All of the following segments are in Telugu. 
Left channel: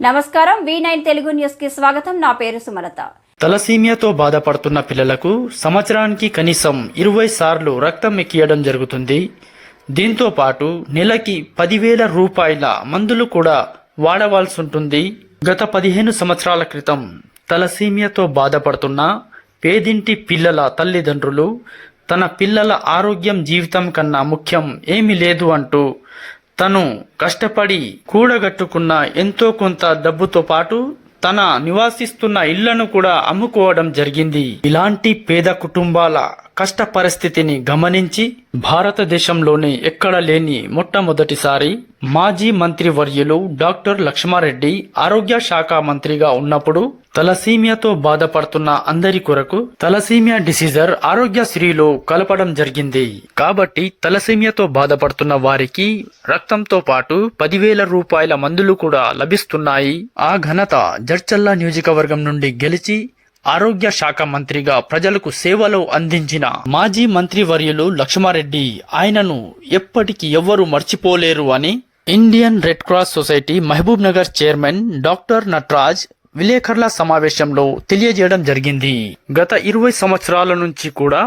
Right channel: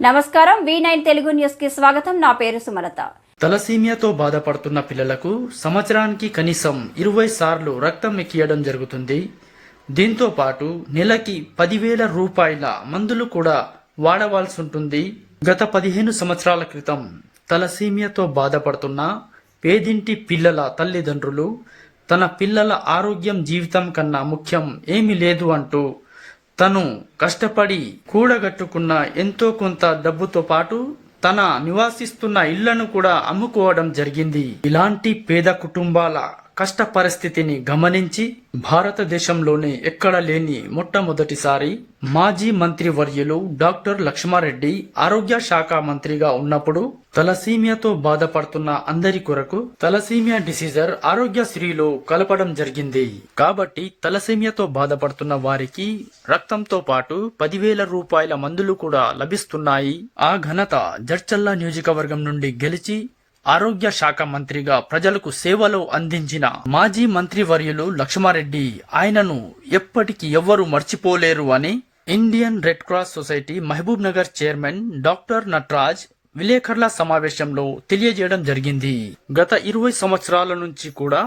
నమస్కారం వి నైన్ తెలుగు న్యూస్కి స్వాగతం. నా పేరు సుమలత. తలసీమియాతో బాధపడుతున్న పిల్లలకు సంవత్సరానికి కనీసం ఇరవై సార్లు రక్తం ఎక్కియడం జరుగుతుంది. దీంతో పాటు నెలకి పదివేల రూపాయల మందులు కూడా వాడవలసి ఉంటుంది గత పదిహేను సంవత్సరాల క్రితం తలసీమియాతో బాధపడుతున్న పేదింటి పిల్లల తల్లిదండ్రులు తన పిల్లల ఆరోగ్యం జీవితం కన్నా ముఖ్యం ఏమీ లేదు అంటూ తను కష్టపడి కూడగట్టుకున్న ఎంతో కొంత డబ్బుతో పాటు తన నివాసిస్తున్న ఇళ్ళను కూడా అమ్ముకోవడం జరిగింది. ఇలాంటి పేద కుటుంబాల కష్ట పరిస్థితిని గమనించి భారతదేశంలోనే ఎక్కడ లేని మొట్టమొదటిసారి మాజీ మంత్రి వర్యులు డాక్టర్ లక్ష్మారెడ్డి ఆరోగ్య శాఖ మంత్రిగా ఉన్నప్పుడు తలసీమియాతో బాధపడుతున్న అందరి కొరకు తలసీమియా డిసీజర్ ఆరోగ్యశ్రీలో కలపడం జరిగింది. కాబట్టి తలసీమియాతో బాధపడుతున్న వారికి రక్తంతో పాటు పదివేల రూపాయల మందులు కూడా లభిస్తున్నాయి. ఆ ఘనత జడ్చల్లా నియోజకవర్గం నుండి గెలిచి ఆరోగ్య శాఖ మంత్రిగా ప్రజలకు సేవలు అందించిన మాజీ మంత్రి వర్యులు లక్ష్మారెడ్డి ఆయనను ఎప్పటికీ ఎవ్వరూ మర్చిపోలేరు అని Indian Red Cross Society Mahabubnagar chairman doctor Natraj విలేకరుల సమావేశంలో తెలియజేయడం జరిగింది. గత ఇరవై సంవత్సరాల నుంచి కూడా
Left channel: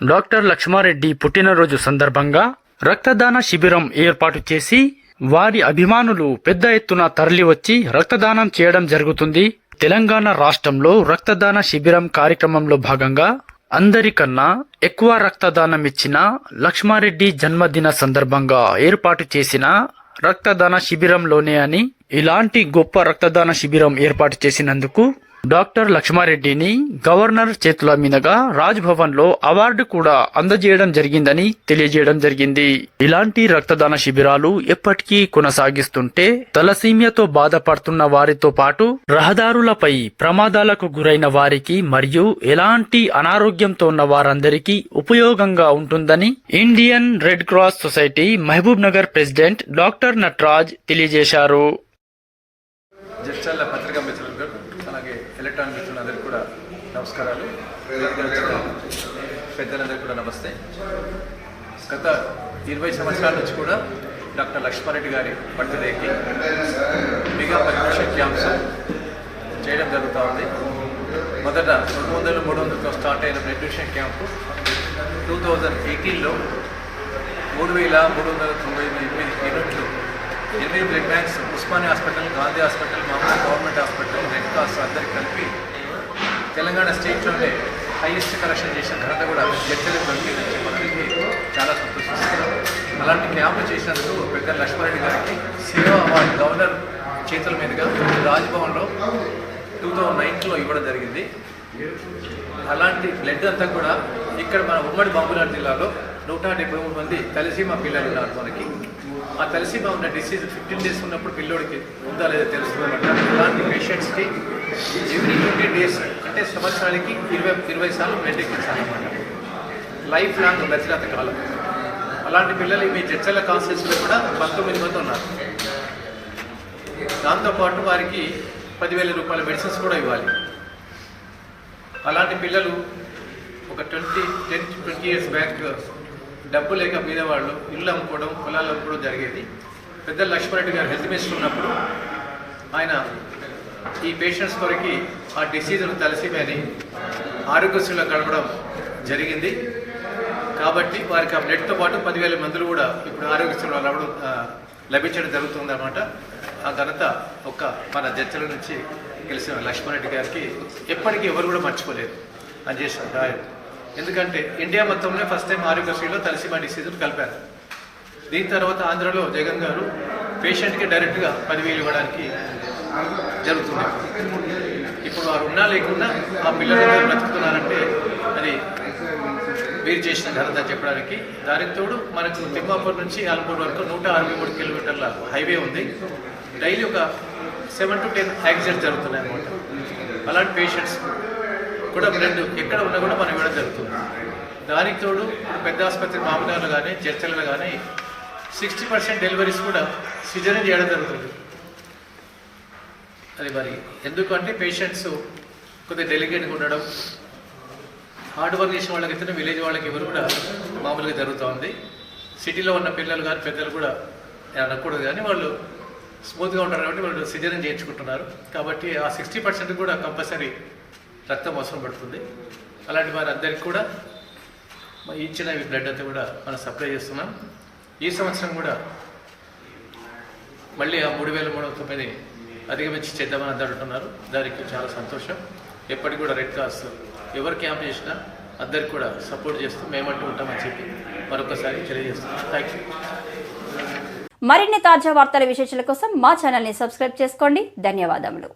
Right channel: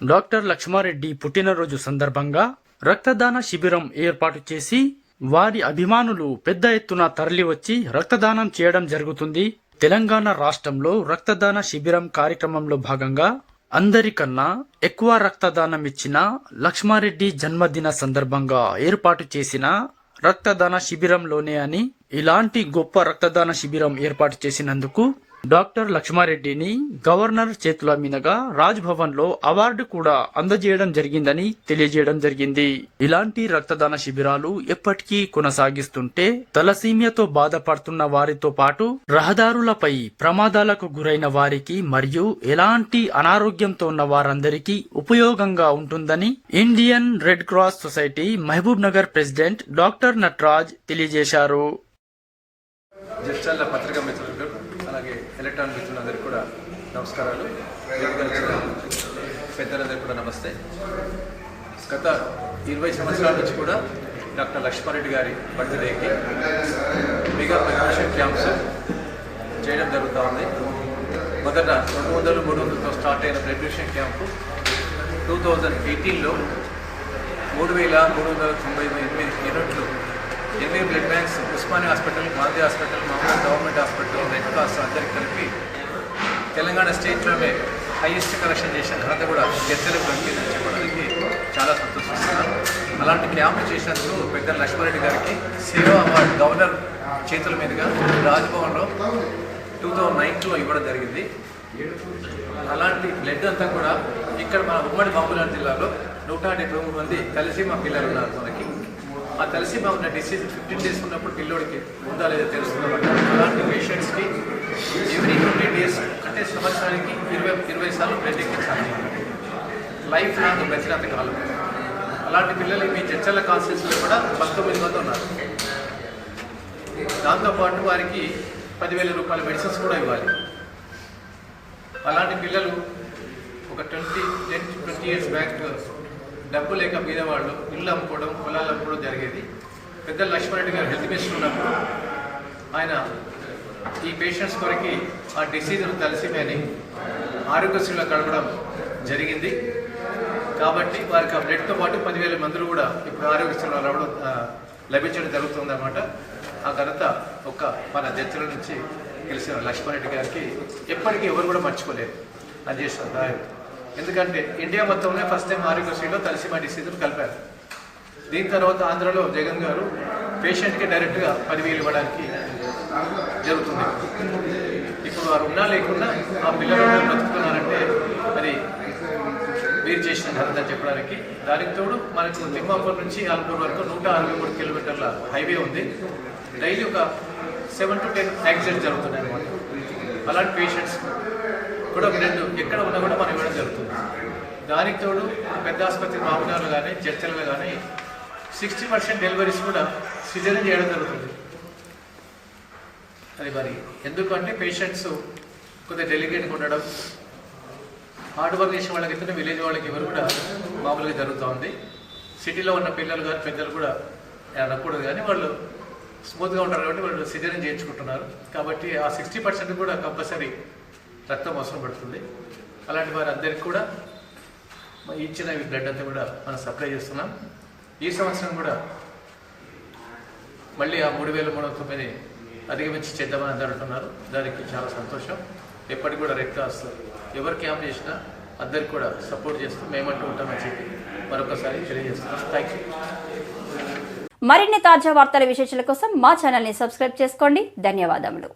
డాక్టర్ లక్ష్మారెడ్డి పుట్టినరోజు సందర్భంగా రక్తదాన శిబిరం ఏర్పాటు చేసి వారి అభిమానులు పెద్ద ఎత్తున తరలివచ్చి రక్తదానం చేయడం జరుగుతుంది. తెలంగాణ రాష్ట్రంలో రక్తదాన శిబిరం కార్యక్రమంలో భాగంగా అందరికన్నా ఎక్కువ రక్తదానం ఇచ్చిన లక్ష్మారెడ్డి జన్మదిన సందర్భంగా ఏర్పాటు చేసిన రక్తదాన శిబిరంలోనే అని ఇలాంటి గొప్ప రక్తదాన శిబిరం ఏర్పాటు చేసినందుకు డాక్టర్ లక్ష్మారెడ్డిని గవర్నర్ చేతుల మీదుగా రాజ్లో అవార్డు కూడా అందజేయడం జరిగిందని తెలియజేయడం జరిగింది. ఇలాంటి రక్తదాన శిబిరాలు ఎప్పటికీ కొనసాగిస్తుంటే తలసీమియాతో బాధపడుతున్న వారితో పాటు రహదారులపై ప్రమాదాలకు గురైన వారికి మరియు ఎలాంటి అనారోగ్యంతో ఉన్న వారందరికీ ఉపయోగంగా ఉంటుందని Indian Red Cross Society Mahabubnagar president doctor Natraj తెలియజేశారు. నమస్కారాలు. వేదికగా పెద్దలందరికీ కూడా నమస్తే. గత ఇరవై సంవత్సరాల నుంచి కూడా డాక్టర్ లక్ష్మారెడ్డి గారి బర్త్డేకి మెగా పర్మిషన్ క్యాంప్స్ చేయడం జరుగుతూ ఉంది మొదట రెండు వందలు మూడు వందలతో స్టార్ట్ అయిన ప్రెడ్యూషన్ క్యాంపు టూ థౌజండ్ ఎయిటీన్లో మూడు వేల మూడు వందల తొంభై ఎనిమిది యూనిట్లు ఎనిమిది blood banks Osmania hospital Gandhi hospital మామూలు గవర్నమెంట్ హాస్పిటల్ రెడ్ క్రాస్ అందరికి కలిపి తెలంగాణ స్టేట్లోనే హైయెస్ట్ కలెక్షన్ చేసిన ఘనత కూడా జడ్జలు చెప్పడానికి చాలా సంతోషిస్తున్నాను. అలాంటి జ్ఞాపకం చేసినందుకు పెద్ద లక్ష్మారెడ్డి గారికి సేవా అవార్డు గవర్నర్ చేతుల మీదుగా రాజ్భవన్లో టూ థౌజండ్ నైన్లో ఇవ్వడం జరిగింది. అలాంటి బ్లడ్ అంతా కూడా ఇక్కడ మన ఉమ్మడి బాబులాల్ జిల్లాలో నూట డెబ్బై మూడు మంది మా పిల్లలు ఉన్నారు మనకి. ఆ తలసీమ ఉన్న డిసీజ్ ఫిఫ్టీన్ డేస్ ఉన్నప్పుడు పిల్లోడికి ఉందా లేదా తెలుస్తుందన్నమాట అలాంటి పేషెంట్స్కి ఎవ్రీ ట్వంటీ డేస్ అంటే సంవత్సరానికి ఇరవై ఇరవై సార్లు బ్లడ్ ఎక్కించాలన్నమాట. లైఫ్ లాంగ్ గచ్చినంత కాలం. అలాంటి పిల్లలు మీ చర్చల కాన్స్టిట్యూన్సీలో కూడా పంతొమ్మిది మంది ఉన్నారు. దాంతోపాటు వారికి పదివేల రూపాయల మెడిసిన్స్ కూడా ఇవ్వాలి. అలాంటి పిల్లలు ఒక twenty ten twenty years back డబ్బు లేక పేదవాళ్ళు ఇళ్ళు అమ్ముకోవడం పొలాలు అమ్ముకోవడం జరిగేది. పెద్ద లక్ష్మణరెడ్డి గారు హెల్త్ మినిస్టర్ ఉన్నప్పుడు ఆయన ఈ పేషెంట్స్ కొరకి ఆ డిసీజ్ కానీ ఆరోగ్యశ్రీలో గడపడం జరిగింది. కాబట్టి వారికి ఆ బ్లడ్తో పాటు పదివేల మందులు కూడా ఇప్పుడు ఆరోగ్యశ్రీలో రావడం లభించడం జరుగుతుందన్నమాట. ఆ ఘనత ఒక్క మన జడ్చల నుంచి గెలిచిన లక్ష్మణరెడ్డి గారికి ఎప్పటికీ ఎవరు కూడా మర్చిపోలేదు. అది చేసిన ఎందుకంటే ఇండియా మొత్తంలో ఫస్ట్ టైం ఆరోగ్యశ్రీలో తలసిమా డిసీజులు కలిపారు. దీని తర్వాత ఆంధ్రలో జగన్ గారు పేషెంట్కి డైరెక్ట్గా పదివేలు ఇవ్వడానికి జరుగుతుంది. ఇప్పుడు వారు ఉన్నా లేకుండా ఆ పిల్లలు బ్రతుకుతున్నారంటే అది వీరు చేసిన ఘనత చెప్పడానికి దానికి తోడు మనకు తిమ్మాపూర్ నుంచి ఆల్పూర్ వరకు నూట అరవై మూడు కిలోమీటర్ల హైవే ఉంది. డైలీ ఒక సెవెన్ టు టెన్ యాక్సిడెంట్ జరుగుతున్నాయి అనమాట అలాంటి పేషెంట్స్ కూడా బ్లడ్ ఎక్కడ ఉన్నా కూడా మనం ఇవ్వడం జరుగుతుంది. దానికి తోడు పెద్ద ఆసుపత్రి మామూలు కానీ చర్చలలో కానీ సిక్స్టీ పర్సెంట్ డెలివరీస్ కూడా సిజరీన్ చేయడం జరుగుతుంది. అది మరి ఎందుకంటే పేషెంట్స్ కొద్దిగా డెలిగేట్గా ఉండడం హార్డ్ వర్క్ చేసే వాళ్ళకైతే విలేజ్ వాళ్ళకి ఎవరు కూడా మామూలుగా జరుగుతూ ఉంది. సిటీలో ఉన్న పిల్లలు కానీ పెద్దలు కూడా అనకూడదు కానీ వాళ్ళు స్మూత్గా ఉంటారు కాబట్టి వాళ్ళు సిజరీన్ చేయించుకుంటున్నారు. కాబట్టి ఆ సిక్స్టీ పర్సెంట్ కూడా కంపల్సరీ రక్తం అవసరం పడుతుంది. అలాంటి వారందరికీ కూడా ఇచ్చిన బ్లడ్ అంతా కూడా మనం సప్లై చేస్తున్నాం. ఈ సంవత్సరం కూడా మళ్ళీ ఆ మూడు వేల మూడు వందల తొమ్మిది అధిగమించి చేద్దామని అందరూ అంటున్నారు. దానికి చాలా సంతోషం. ఎప్పటికి కూడా రెడ్ క్రాస్ ఎవరు క్యాంప్ చేసినా అందరికి కూడా సపోర్ట్ చేస్తూ మేమంటూ ఉంటామని చెప్పి మరొకసారి తెలియజేస్తున్నాం. థ్యాంక్ యూ మరిన్ని తాజా వార్తల విశేషాల కోసం మా ఛానల్ని సబ్స్క్రైబ్ చేసుకోండి. ధన్యవాదములు.